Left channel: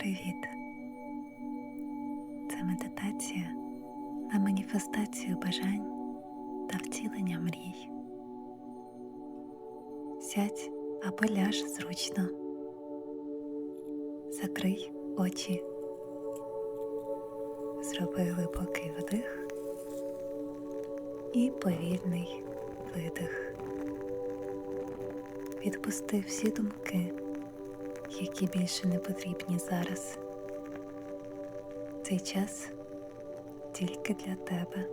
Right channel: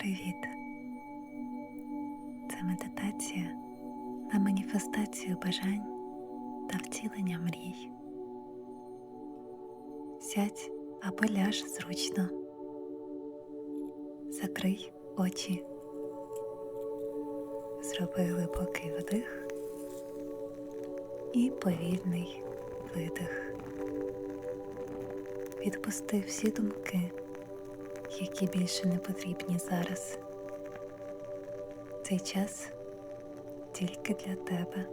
Привіт! Це медитація на маніфестацію бажань та втілення мрій. Сядь або ляж зручно. Закрий очі. Зроби глибокий вдих і повільний видих. Відпусти всі думки, які більше не потрібні зараз. Цей час тільки для тебе.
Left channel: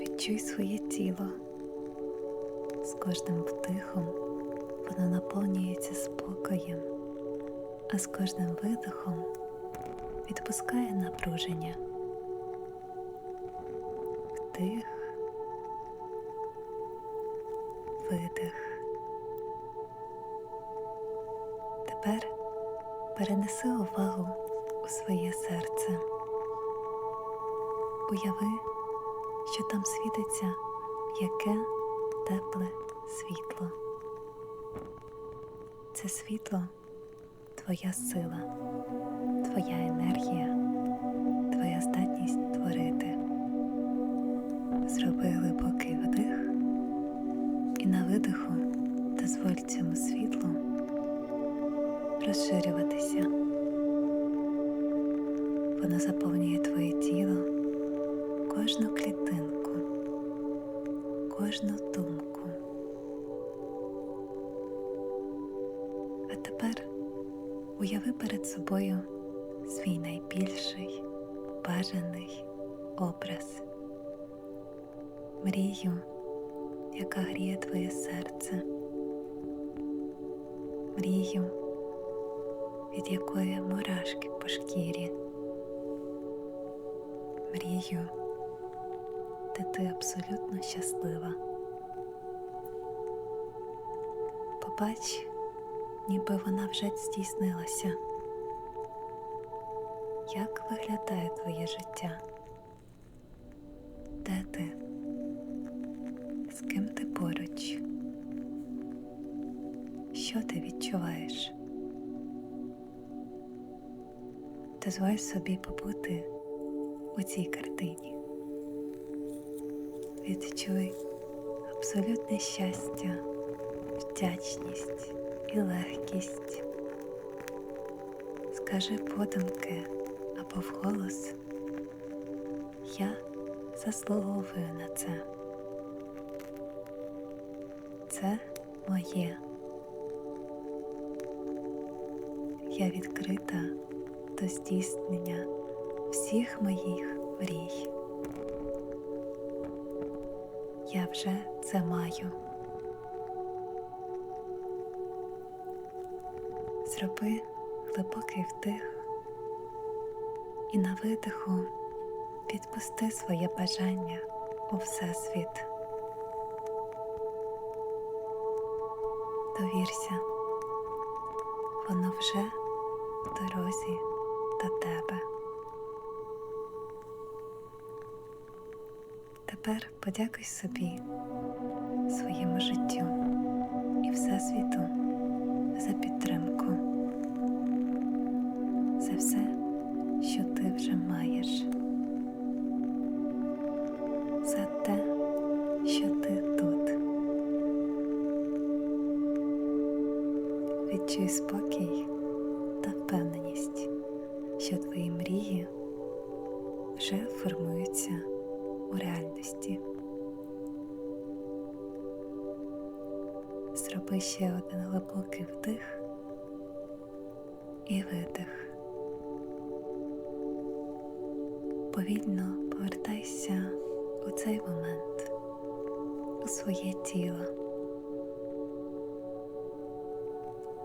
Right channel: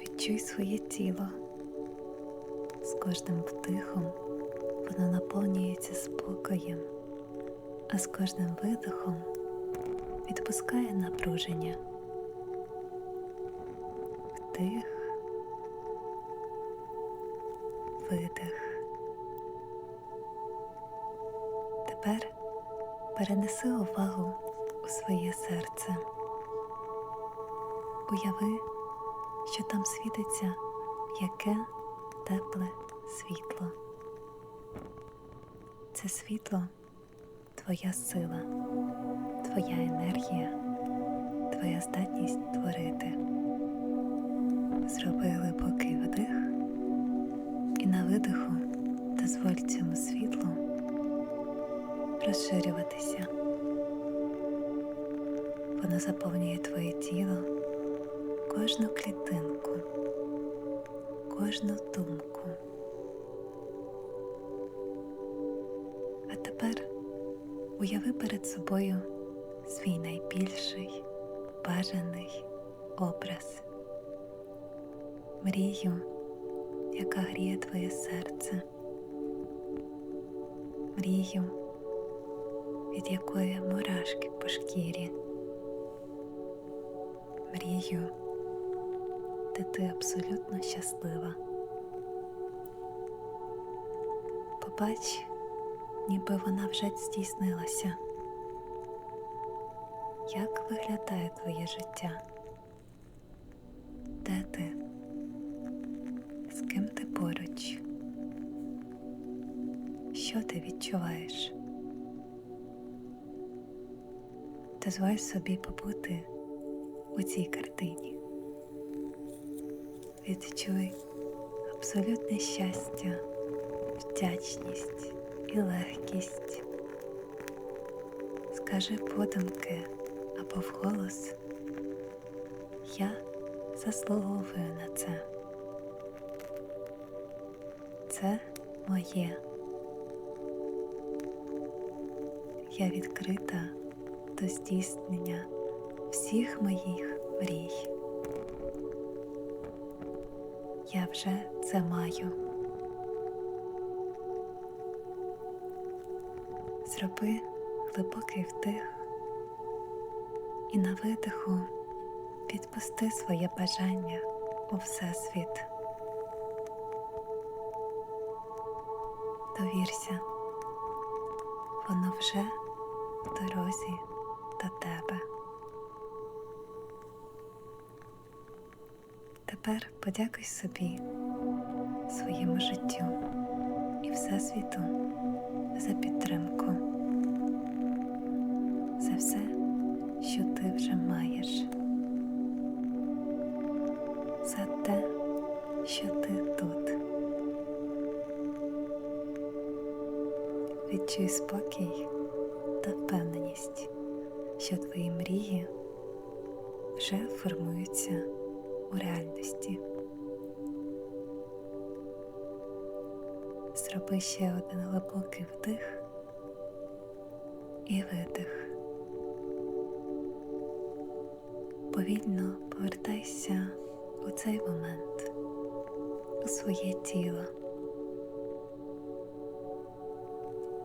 Відчуй своє тіло. З кожним вдихом воно наповнюється спокоєм, а з кожним видихом відпускає напруження. Вдих, видих. Тепер перенеси увагу у своє серце. Уяви, що там світиться яке тепле світло. Це світло твоя сила, твоя енергія, твоя здатність творити. Зроби глибокий вдих і на видиху дозволь цьому світлу розширюватися. Воно заповнює твоє тіло, кожну клітинку, кожну думку. А тепер уяви перед собою свій найбільший бажаний образ, мрію, яка гріє твоє серце, мрію, від якої мурашки по шкірі, мрію, де ти абсолютно щаслива. Побач, ніби вона вже здійснилася. Як виглядає твоє життя? Де ти? З ким ти поруч? Що ти відчуваєш? Дозволь собі побути у цій картині. Відчуй абсолютне щастя, вдячність і легкість. Скажи подумки або вголос Я заслуговую на це. Це моє. Я відкрита до здійснення всіх моїх мрій. Я вже це маю. Зроби глибокий вдих і на видиху відпусти своє бажання у Всесвіт. Довірся, воно вже в дорозі до тебе. Тепер подякуй собі, своєму життю і Всесвіту за підтримку, за все, що ти вже маєш, за те, що ти тут. Відчуй спокій та впевненість, що твої мрії вже формуються у реальності. Зроби ще один глибокий вдих і видих. Повільно повертайся у цей момент, у своє тіло.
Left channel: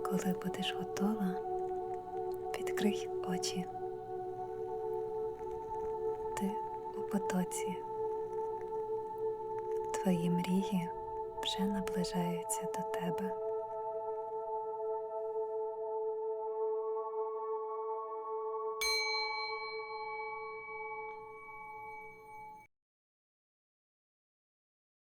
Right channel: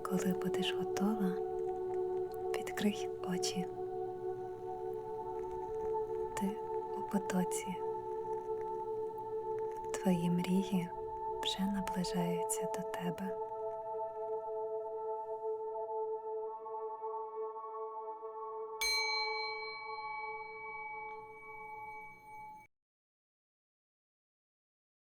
Коли будеш готова, відкрий очі. Ти у потоці. Твої мрії вже наближаються до тебе.